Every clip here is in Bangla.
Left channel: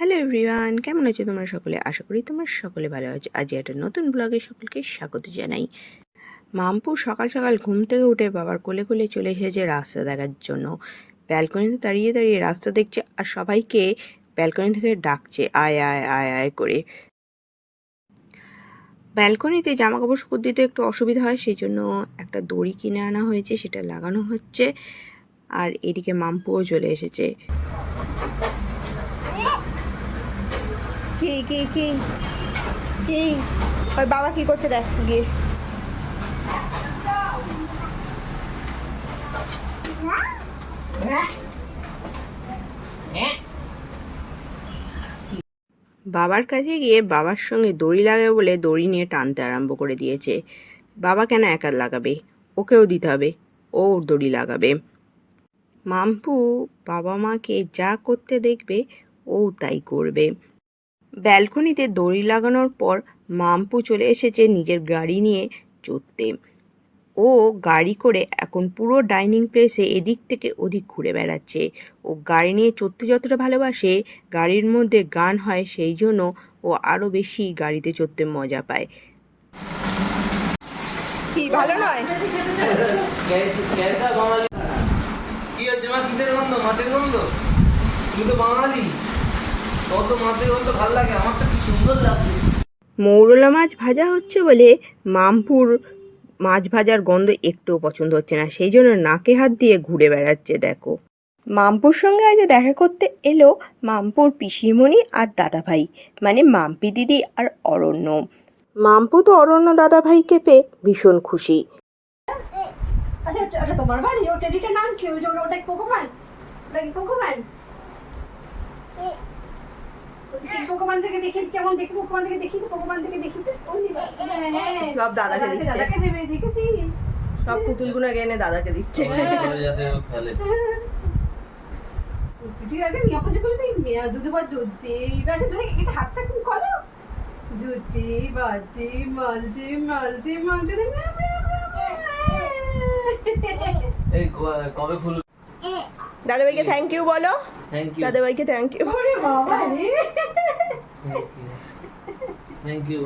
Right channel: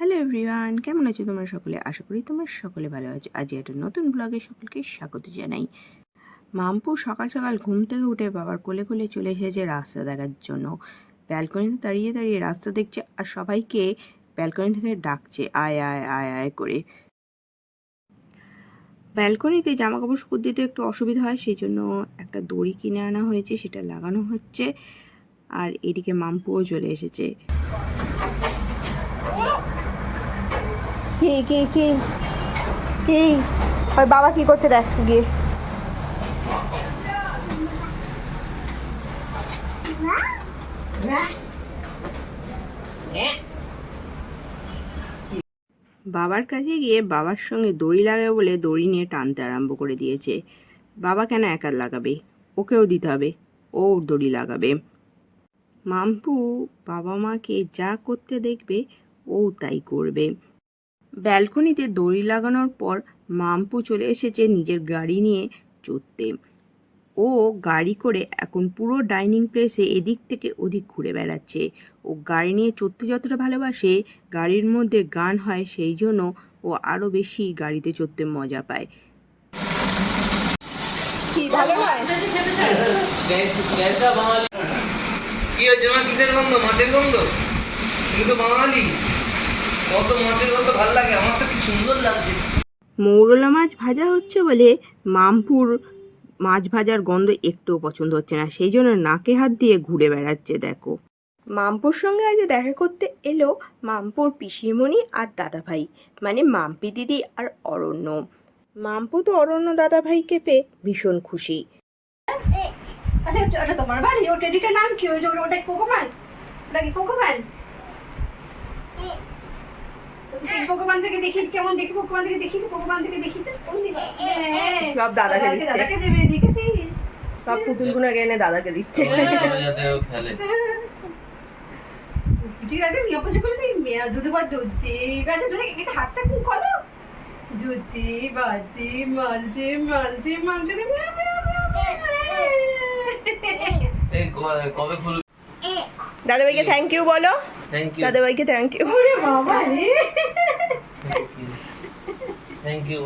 হ্যালো এভরিওয়ান, কেমন আছো তোমরা সকলে? আশা করি তোমরা সকলে ভালো আছো। আজ একটা নতুন ব্লগে সকলকে স্বাগত জানাই। মামপু সকাল সকাল ঘুম থেকে উঠে বাবার কোলে কোলে চলে এসেছে রাস্তা দেখার জন্য। ব্যালকনিতে দাঁড়িয়ে দাঁড়িয়ে রাস্তা দেখছে আর সবাইকে ব্যালকনি থেকে ডাকছে, আয় আয় আয় আয় করে। ব্যালকনিতে জামা কাপড় শুকুর দিতে একটু অসুবিধা হয় সেই জন্য একটা দড়ি কিনে আনা হয়েছে, সেটা লাগানো হচ্ছে। আর এদিকে মামপুও চলে এসেছে। কি কি কি? কি? ওই বাবা কি করছে দেখ, গিয়ে। বাবার কাছে গিয়ে বাবার সঙ্গে দড়ি লাগাবে বলে দড়ি নিয়ে টানতে আরম্ভ করে দিয়েছে। বাবা কেন একা লাগাবে? ওকেও দিতে হবে। ও দড়ি লাগাবে। মাম্পু বাবা মাকে যা করতে দেখবে, ও তাই করবে। ব্যালকনিতে দড়ি লাগানোর পর মাম্পু চলে এসেছে নিজের গাড়ি নিয়ে চড়তে। ও গাড়ি করে এখন পুরো ডাইনিং প্লেসে এদিক থেকে ওদিক ঘুরে বেড়াচ্ছে। ও গাড়ি নিয়ে চড়তে যতটা ভালোবাসে গাড়ির মধ্যে গান হয় সেই জন্য ও আরও বেশি গাড়িতে চড়তে মজা পায়। কি ভালো নয়? কি হয়েছে মা? কিসের গন্ধ? মাছের গন্ধ? তুমি তো বাঙালি। কত মাছের গন্ধ ভালো লাগে আমার তো কি সুন্দর লাগছে। মৌরলা মাছ ভাজা হচ্ছে বলে মামপুর মাছ ভাজার গন্ধ একটুও পছন্দ হচ্ছে না সেই জন্য নাকে হাত দিয়ে ঘুরে বেড়াচ্ছে দেখো। মামপুর সঙ্গে আজ দেখা করতে এলো মামপুর পিসিমণি আর দাদাভাই মানে মাম্পি দিদি আর অরণ্য। মাম্পু তো অরণ্য দাদাভাইকে পেয়ে ভীষণ খুশি। ওটা- তোমার বাড়ি ও নাম কি? ওই ওটা কোকোম্যান ওটা কি কোকোম্যান কোকোম্যান থেকে দেখি কেমন দেখি? কোকোম্যান থেকে দেখি কোকোম্যান থেকে দেখি তো। ওই নে। হ্যাঁ সব দাদাকে দাদাকে দেবে দেখেছিস সব এনে দাদাকে দিচ্ছে। ঠিক আছে করে দিই মেয়া দুধ বা দুধ বাজে দুধ এটা হাতটা কি করো দুধে বাজে মালতে মালতে মালতে মিয়া মিয়া এই কবে খুলবে? দাদাভাইকে থ্যাংক ইউ বলো। দাদাভাইকে থ্যাংক ইউ ওরে বাবা রে। থ্যাংক ইউ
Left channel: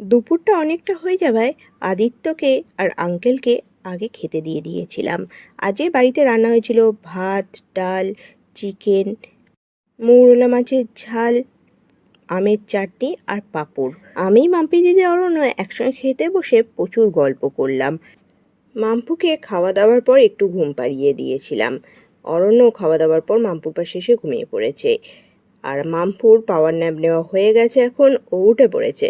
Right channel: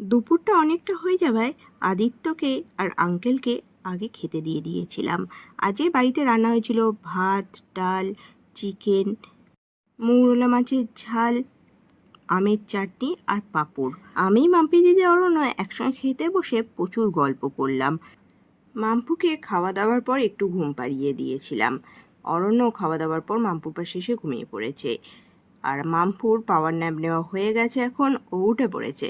দুপুরটা অনেকটা হয়ে যাওয়ায় আদিত্যকে আর আঙ্কেলকে আগে খেতে দিয়ে দিয়েছিলাম। আজকে বাড়িতে রান্না হয়েছিল ভাত ডাল চিকেন মৌরলা মাছের ঝাল আমের চাটনি আর পাঁপড়। আমি মাম্পি দিদি অরণ্য একসঙ্গে খেতে বসে প্রচুর গল্প করলাম। মাম্পুকে খাওয়া দাওয়ার পর একটু ঘুম পাড়িয়ে দিয়েছিলাম। অরণ্য খাওয়া দাওয়ার পর মাম্পুর পাশে এসে ঘুমিয়ে পড়েছে। আর মাম্পুর পাওয়ার ন্যাপ নেওয়া হয়ে গেছে এখন ও উঠে পড়েছে।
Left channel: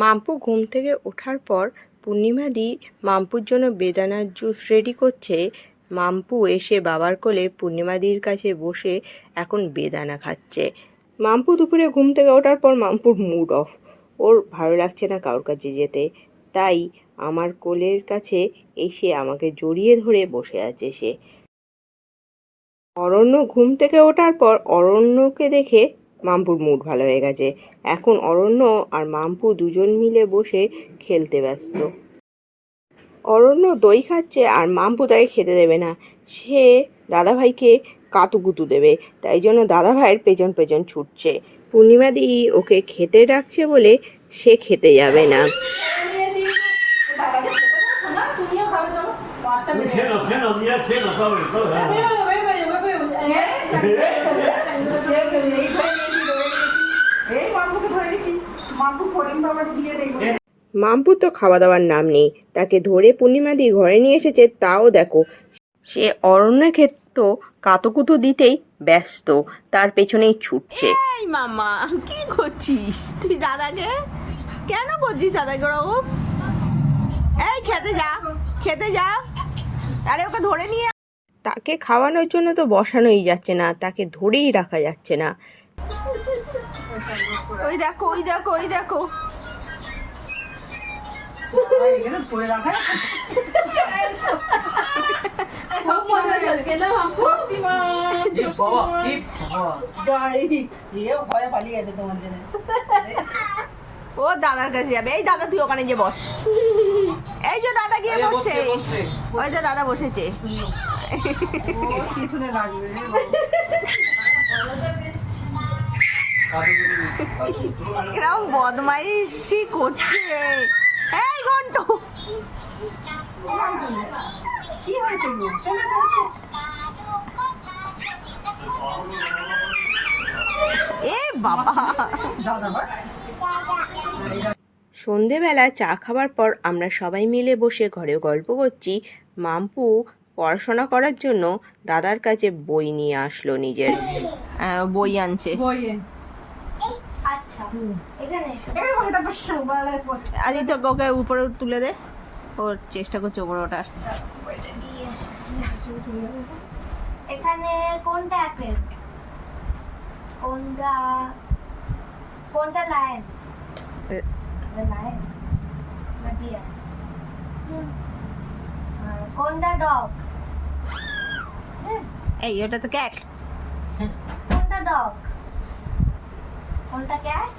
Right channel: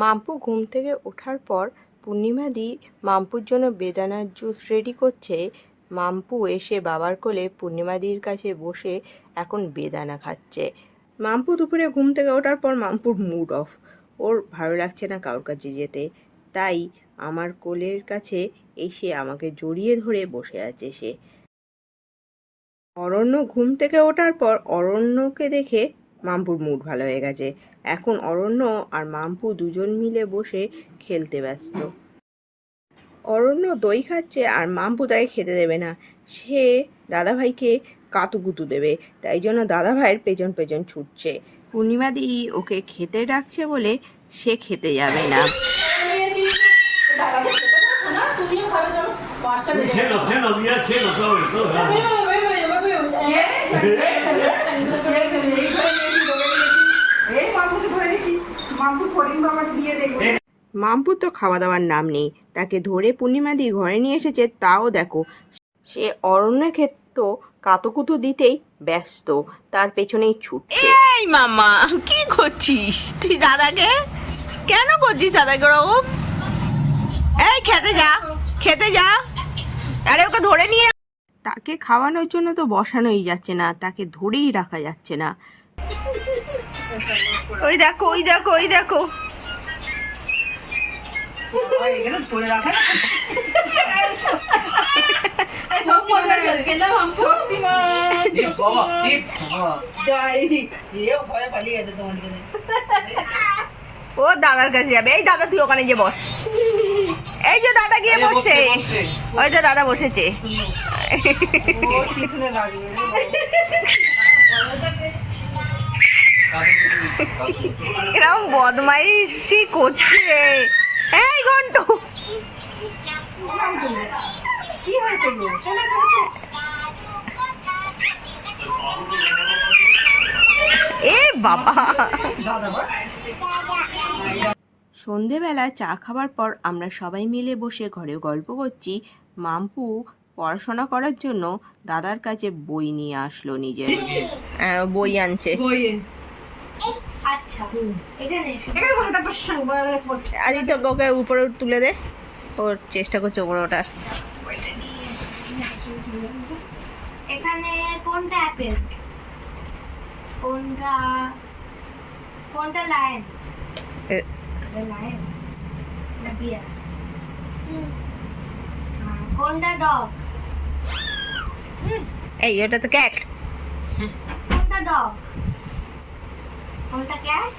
মাম্পু ঘুম থেকে ওঠার পর পূর্ণিমা দি মাম্পুর জন্য বেদানার জুস রেডি করছে। মাম্পু এসে বাবার কোলে পূর্ণিমাদির কাছে বসে এখন বেদানা খাচ্ছে। মাম্পু দুপুরে ঘুম থেকে ওঠার পর মাম্পুর মুড অফ ওর ভালো লাগছে না কারোর কাছে যেতে। তাই আমার কোলের কাছে এসে আমাকে জড়িয়ে ধরে বসে আছে সে। অরণ্য ঘুম থেকে ওঠার পর অরণ্যকে দেখে মাম্পুর মুড ভালো হয়ে গেছে এখন অরণ্য আর মাম্পু দুজন মিলে বসে খেলতে ব্যস্ত অরণ্য দই খাচ্ছে আর মাম্পু তাকে খেতে দেবে না সে দাদাভাইকে কাতুকুতু দেবে তাই জন্য দাদাভাইয়ের পেছন পেছন ছুটছে পূর্ণিমা দি ওকে খেতে ডাকছে বলে সে খেতে যাবে না। খেলো এই মাম্পুকে ধরে নিয়েছি মাম্পুর ফরিং বাবার বিয়ে দেখব। মাম্পুর তো খাওয়া দাওয়ার নাম নেই। তাকে ধরে পূর্ণিমা দিয়ে ঘরে নিয়ে এসেছে তাও দেখো। সে অরণ্য ক্ষেত্র কাতুকুতু দিতেই ব্যস্ত। তার পেছনেই ছুটছে। এই মামা কি করছিস? তুই দাদাকে? কেন করছিস দাদাকে ওরকম? এই খেতে যা খেতে যা। আরে ওকে ধরে নিয়ে তাকে খাওয়ানোর জন্য তো বসানোই যাচ্ছে না। তাকে ধরেই রাখা যাচ্ছে না। ওই দেখো ওই দেখো ওই দেখো। ও দাদার কাছে যাবে। এই দাদা তুই ওখানে গিয়ে বস। এই যে দাদা গিয়ে বসছে। ওই যে দাদা বসেছে। পিছনে লাগবে। এরকম বদমাইশি করছে। এই ঘন্ট। কি হয়েছে এ বাবা। দাদা সন্ধেবেলা চা খাবার পর আমরা সবাই মিলে বসে ঘরে গল্প করছি। মাম্পু পড়াশোনা করার জন্য দাদার কাছে বই নিয়ে আসলো নিজের। আহ, বই আনছে। আচ্ছা আজ তো ওকে উপরে তুলে দে। ওর চেষ্টা করছে উপরে ওঠার। এখানে কোনটা অ্যাপেল কোনটা কোনটা লায়ন লায়ন না বিয়ার কোনটা ডগ এই ওটা তো ক্যাট কোনটা ডগ কোনটা ক্যাট?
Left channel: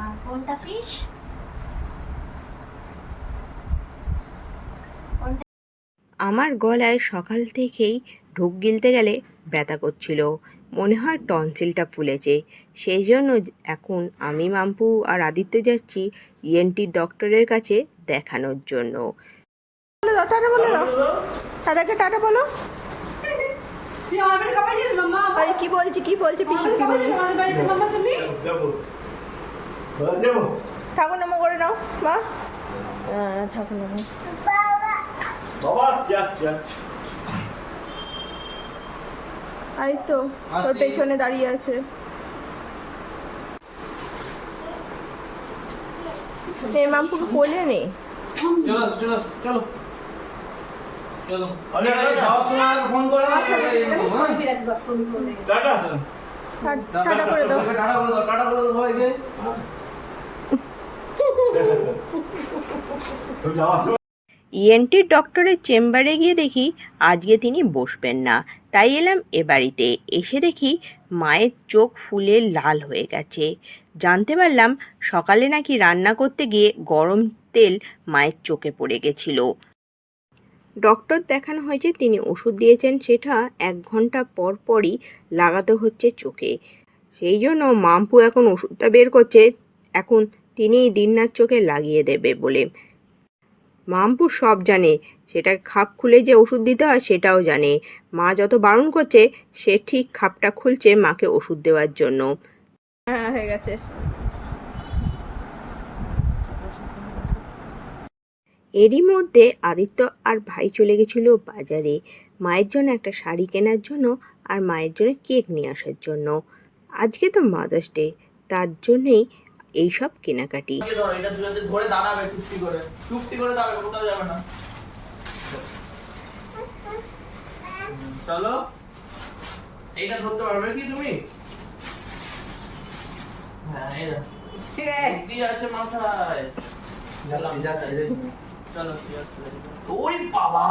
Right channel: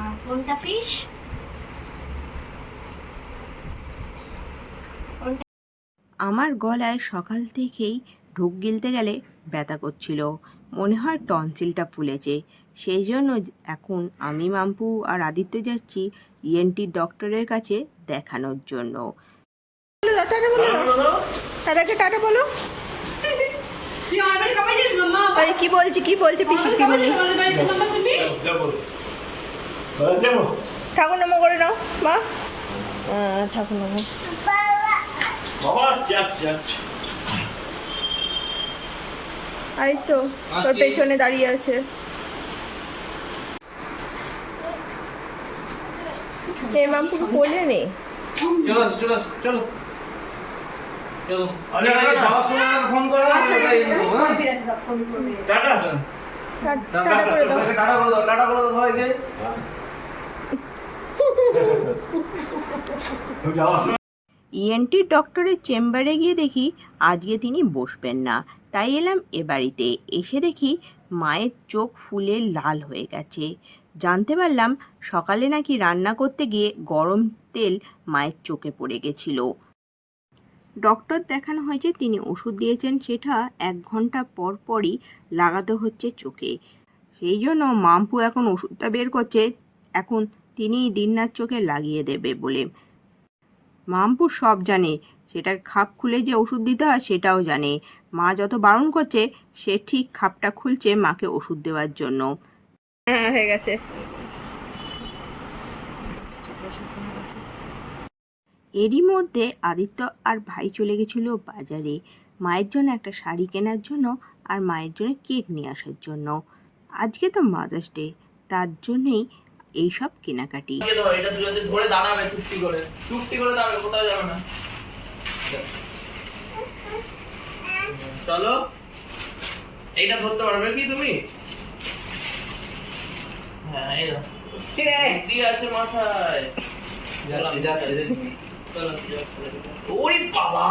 আর কোনটা ফিশ? আমার গলায় সকাল থেকেই ঢুক গিলতে গেলে ব্যথা করছিল। মনে হয় টনসিলটা ফুলেছে। সেই জন্য এখন আমি মাম্পু আর আদিত্য যাচ্ছি ইএনটি ডক্টরের কাছে দেখানোর জন্য। টাটা বলো। দাদাকে টাটা বলো। ওই কি বলছি কি বলছে পিসি পিমনি ঠাকুর নম করে নাও মা। ঠাকুর নম। এই তো তোর পেছনে দাঁড়িয়ে আছে। এই মামপুকে কোলে নে চলো চলো চলো। চলো যাওয়ার সময় ফোন করো না কোথায় যাব, হ্যাঁ? বিরাট ফোন করবে। টাটা। টাটা করে দাও। টাটা করে দাও টাটা করে দাও সবাইকে। ওই যাওয়ার সময় ইএনটি ডক্টরের চেম্বারে গিয়ে দেখি আজকে তিনি বসবেন না। তাই এলাম এ বাড়িতে। এসে দেখি মায়ের চোখ ফুলে লাল হয়ে গেছে। জানতে পারলাম সকালে নাকি রান্না করতে গিয়ে গরম তেল মায়ের চোখে পড়ে গেছিল। ডক্টর দেখানো হয়েছে তিনি ওষুধ দিয়েছেন, সেটা এক ঘণ্টা পর পরই লাগাতে হচ্ছে চোখে। সেই জন্য মাম্পু এখন ওষুধটা বের করছে, এখন তিনি দিননার চোখে লাগিয়ে দেবে বলে। মাম্পু সব জানে, সেটা খাপ খুলে যে ওষুধ দিতে হয় সেটাও জানে। মা যত বারণ করছে, সে ঠিক খাপটা খুলছে মাকে ওষুধ দেওয়ার জন্য। হ্যাঁ হয়ে গেছে। এরই মধ্যে আদিত্য আর ভাই চলে গেছিল বাজারে। মায়ের জন্য একটা শাড়ি কেনার জন্য আর মায়ের জন্য কেক নিয়ে আসার জন্য। আজকে তো মাদার্স ডে তার জন্যেই এইসব কেনাকাটি। দিয়ে ধরো এটা দুজনে ধরে দাঁড়াবে চুপটি করে। চুপটি করে দাঁড়াবে কোথাও যাবে না। চলো। এইটা ধরতে পারবে কি তুমি? হ্যাঁ এই। বুদ্ধি আছে মাথায়। যাচ্ছি যাচ্ছি। ওরে বাবা।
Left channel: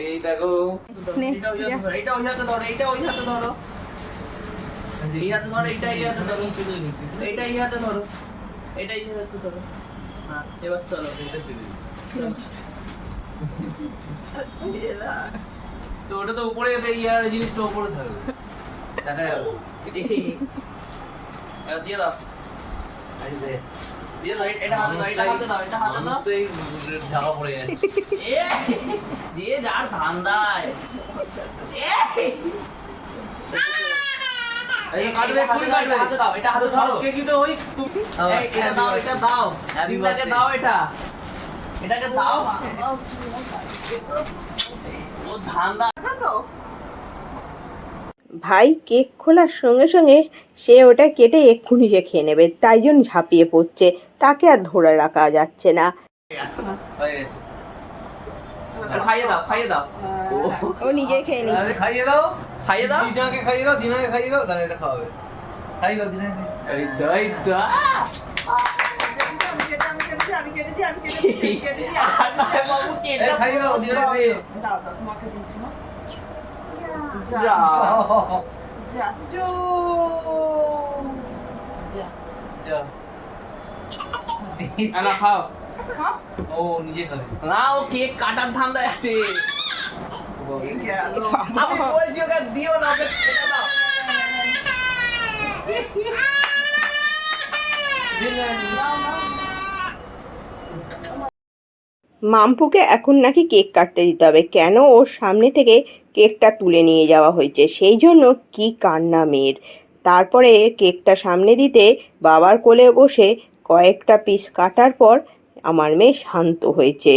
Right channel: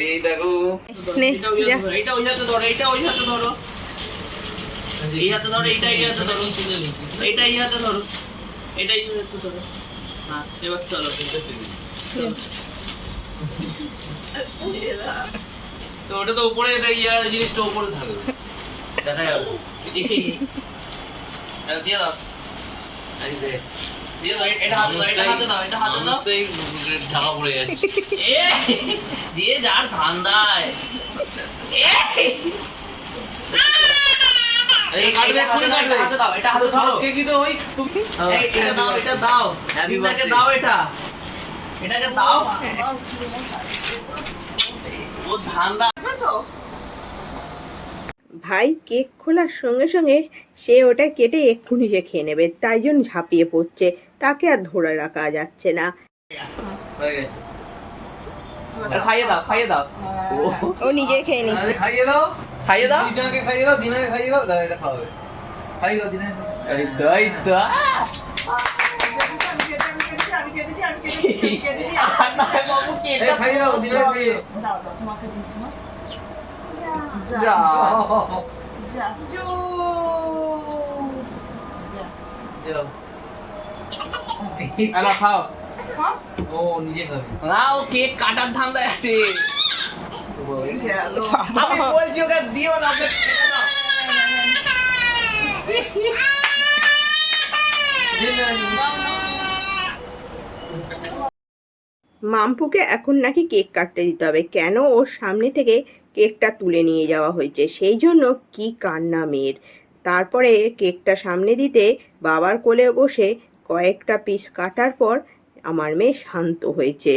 এই দেখো ওই ধরো, এইটা ওই হাতে ধরো এইটা ওই হাতে ধরো। এই হাতে ধরো এইটা এই হাতে ধরো। এইটা এই হাতে ধরো। এটা এই হাতে ধরো। হ্যাঁ এবার চলো তো ওটা তো উপরে এটা ইয়ার জিনিসটা উপরে থাকবে দেখা যাবে দিয়ে দাও ঢাকা পড়ে যাচ্ছে দিয়ে যার ধান্দায় কেকি তো ভাই কেক খোলার সঙ্গে সঙ্গে সে ওটা কেটে এক্ষুনি সে খেয়ে নেবে তাই জন্য ঝাঁপিয়ে পড়ছে। তাকে আর ধরে রাখা যাচ্ছে না। হয়ে গেছে আর খাইয়ে দাও খাইয়ে দাও। ও নিজে খেয়ে নিচ্ছে। খাইয়ে দাও। খাইয়ে দাও। দিনাকে খাইয়ে দাও দিনাকে খাইয়ে দাও তাহলে এটা খাওয়াবে খাইয়ে দাও দিনাকে এই তো এই তো আমি কেটে আমি কেটেছি আমি আমি কেটেছি আমি বাবু খাইয়ে দাও দিনাকে খাইয়ে দাও। দাও তোমাকে দিচ্ছি মা যা যা যা জো আলা খাও খাও ও নিজে খাবে না ও কেক কাটার ধান্দায় আছে আমি বলছি ওকে দিও না ওকে মাম্পুকে এখন নাকি কেক কাটতে দিতে হবে। কেন ওর সামনে থেকে কেকটা তুলে নিয়ে যাওয়া হয়েছে? সেই জন্য কি কান্না মেয়ের? তারপরে কেকটা সামনে দিতে বাবার কোলে বসে কয়েকটা পিস কাটার পর আমার মেয়ে শান্ত হয়েছে।